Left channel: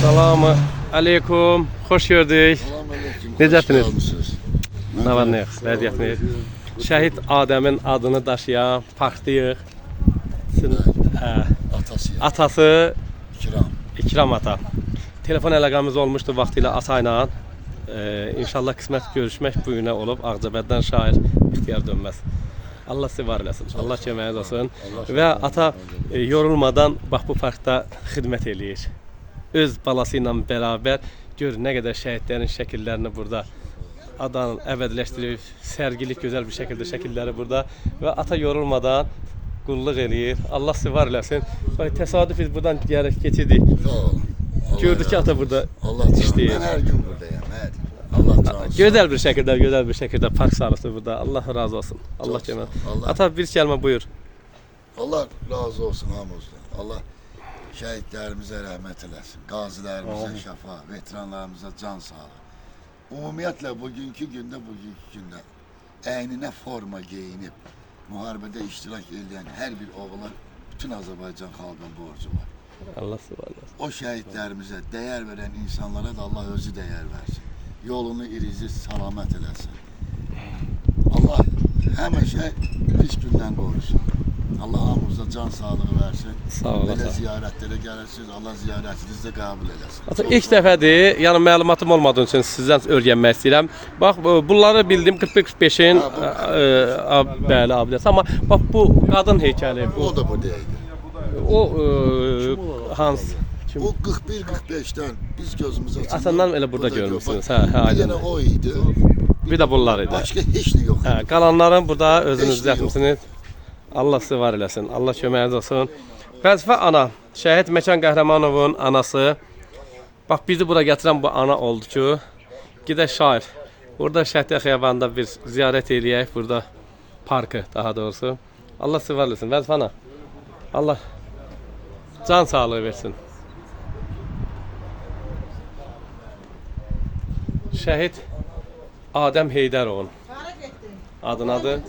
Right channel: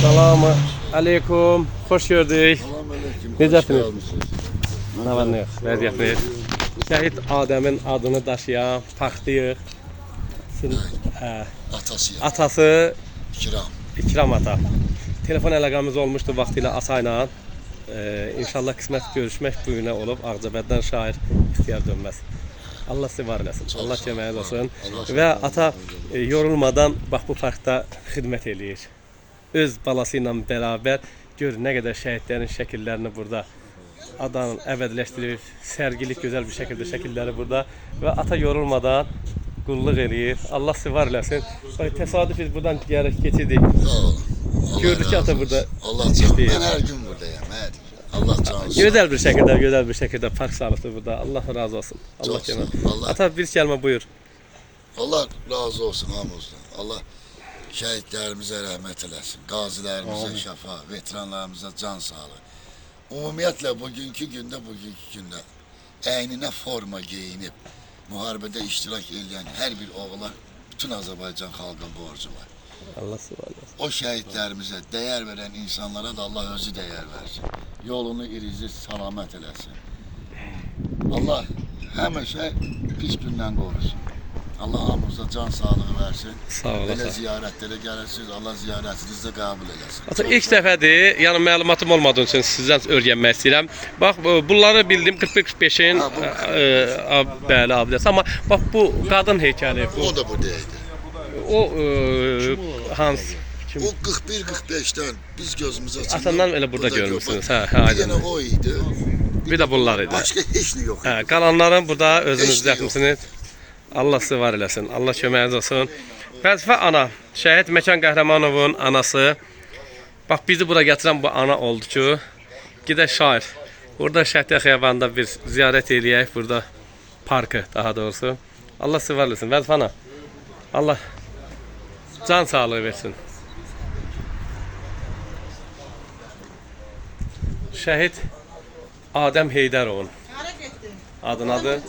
Selamun aleyküm. Hoş gördük. Selamünaleyküm. Necəsiniz? Ne var ne yok? Vəziyyət ne? Şəhid Adəmin adını daşıyan Paxtıyıq. Atası İkram ata. Telefon əlaqəmiz olmuşdu vaxtilə atayla. İnşallah qismət görüşmək bu günə olub. Ağcabəddən şair ixtiyar dönməz. Allah sizi var eləsin. Allah köməyiniz olsun. Və ata yorulmadan bax bu parkda xidmət eləyir. Öz balası ilə bərabər gör nə qədər şəhidlərin şəkillərini burada adam əbədiləşdirib, sərgilik gözəl bir şəkildə şəkilləri burada və ata yorulmadan qulluq eləyir. Allah sizi var eləsin. Bax təsadüf biz buradan gəlib keçirdik. Gördük ki ata burada. Allah canım. Ben her gün buradayım. Her gün. Allah canım. Gözəl bir şəkildə park salıqdır burada. Allah razı olsun. Allah kömək. Ata bir kəlmə buyur. Allah razı olsun hamımızdan. Allah şəhidlərimizə rəhmət eləsin. Qazilərimizə şəfa, veteranlarımıza can sağlığı. Ümumiyyətlə bugünkü gündə əyninə forma geyinib müharibədə iştirak edən hər bir oğula bütün Azərbaycan xalqının borcu var. Allah subhanahu. O şəhidlərimizə dəyər verən insanlara da Allah özü dəyər versin. Yolunu irici salamat eləsin. Allah həmişə pis gündən qorusun. Allah hamımıza can sağlığı versin. Sağ ol. Belə ziyarətlərə gəlirsiniz. Allah ziyarətinizi də qəbul eləsin. Ata ilk dəfədir, yəni məlumatım olmadığı üçün sizdən öyrənmək istəyirəm. Bax bunları bildim 41-45-in bəli abidəsi, amma bax bu qadın heykəli bu. O da buradaydı. O Hans kim? O 41-45'ten biz gözümüze açıldı. Atandan elə burada görmüsünüz. Hə, aydın. O idi. Bir də bunlar idi. Başka heç ne yok. Hə, qalanların burada özünüz düzəltmisiniz. Allah sizi var eləsin. Allah köməyiniz olsun. Vəzifə ana, şəhid Məkan Qəhrəmanovun anası. Bax bizi bura gətirən bu ana oldu ki, gedək şair. Burada Şəhidiyyə Xiyabanında bir ziyarət eləyək, burada parkı daha doğrusu. Allah sizi var eləsin. Vəzifə ana. Allah can sağlığı versin. Şəhid Adəm Heydərovun adı.